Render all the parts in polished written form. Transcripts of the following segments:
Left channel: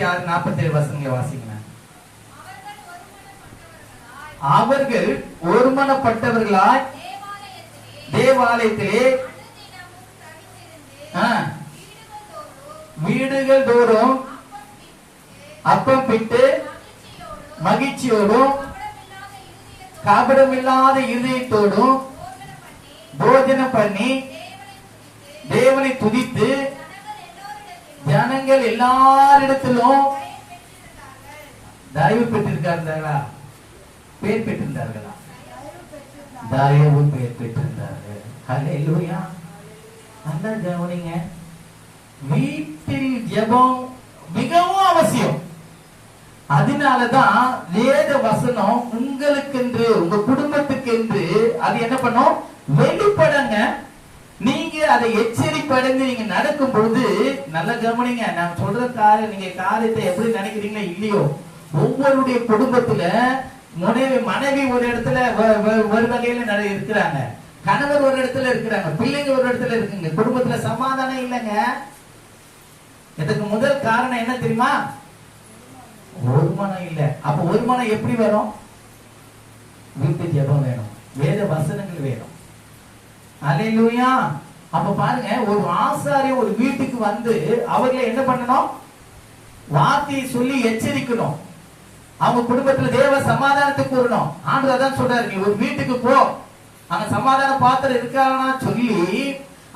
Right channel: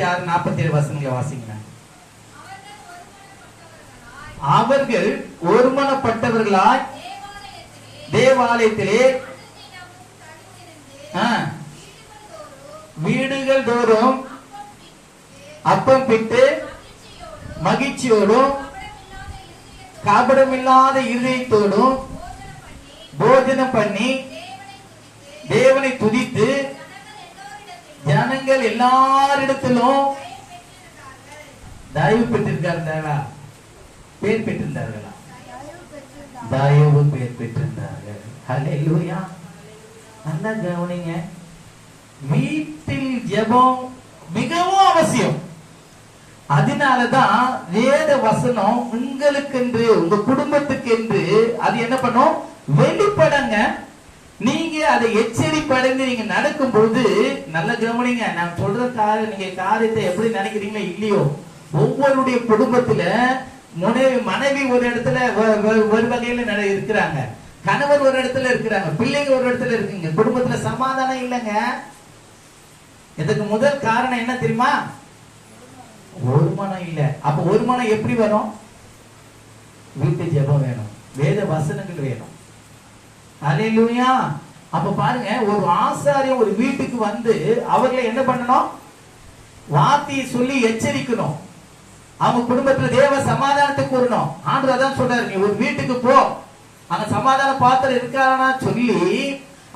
46-47 வசனங்களை வாசிங்க. அவர்கள் ஒருமனப்பட்டவர்களாய் தேவாலயத்திலே வீடுகள் தோறும் அப்பம் பிட்டு மகிழ்ச்சியோடும் கபடமில்லாத இருதயத்தோடும் போஜனம் பண்ணி தேவனை துதித்து ஜனங்கள் எல்லாரிடத்திலும் தயவு பெற்றிருக்கார்களா? பேர் பெற்றிருந்தார்களா? தயவு பேர் பெற்றிருந்தார்கள். ஹல்லேலூயா. நல்லா கவனிங்க. வீட்டில் ஜெபம் மிகவும் அவசியம். அதனாலதான் வேத வசனம் உங்களுக்கென்று உங்க குடும்பத்துக்கு என்று அது என்ன பண்ணும்? வெளிப்படங்க. நீங்க அதை எச்சரிப்படைந்து நீங்க நடக்கும் பொழுது நல்ல கவனிங்க. நான் சொல்ற நீங்க காரியத்தை எப்படி நினைக்கிறீங்களோ இல்லையோ, ஒவ்வொருடைய குடும்பத்துல மனைவி ஒரு இடத்துல ஒரு வகையில இருக்கிறாங்க, கணவர் ஒரு இடத்துல இருக்கிறாங்க, பிள்ளைங்க ஒரு இடத்துல இருக்குங்க. குடும்பத்துல சமாதானம் இல்லைங்க. இதுக்கு முதல் காரணம் என்ன தெரியுமா? ஒரு மனம் இல்ல. அப்ப ஒரு மனம் எப்படி வரும்? வீட்டு ஜெபம் வேணும், வேத வசனங்கள் வேணும். அல்லேலூயா. அப்ப பாருங்க, ஒரு ஆசாரியர் ஒரு வீட்டுக்கு வந்து அவர்களை என்ன பண்ணணும்? வார்த்தையை சொல்லி எச்சரிக்கணும். அவங்க குடும்பத்துல தேவ சமாதானத்தை கூறணும். ஆண்டவர் அதான் சொல்றாரு, நீ ஒரு வீட்டுக்கு போ, அங்க சமாதான பாத்திரம் இருக்கானா சொல்லி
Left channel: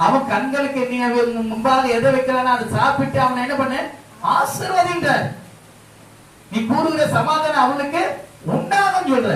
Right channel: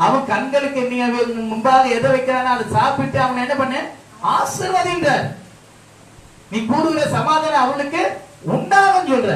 அவன் கண்களுக்கு நீ முன்பாக எதை வைக்கிறானா அதை சாப்பிட்டு அவனை என்ன பண்ண? ஆசீர்வதிங்க. நீ கூறுகிற சமாதானம் அவளுக்கு உண்டாகும் சொல்ற.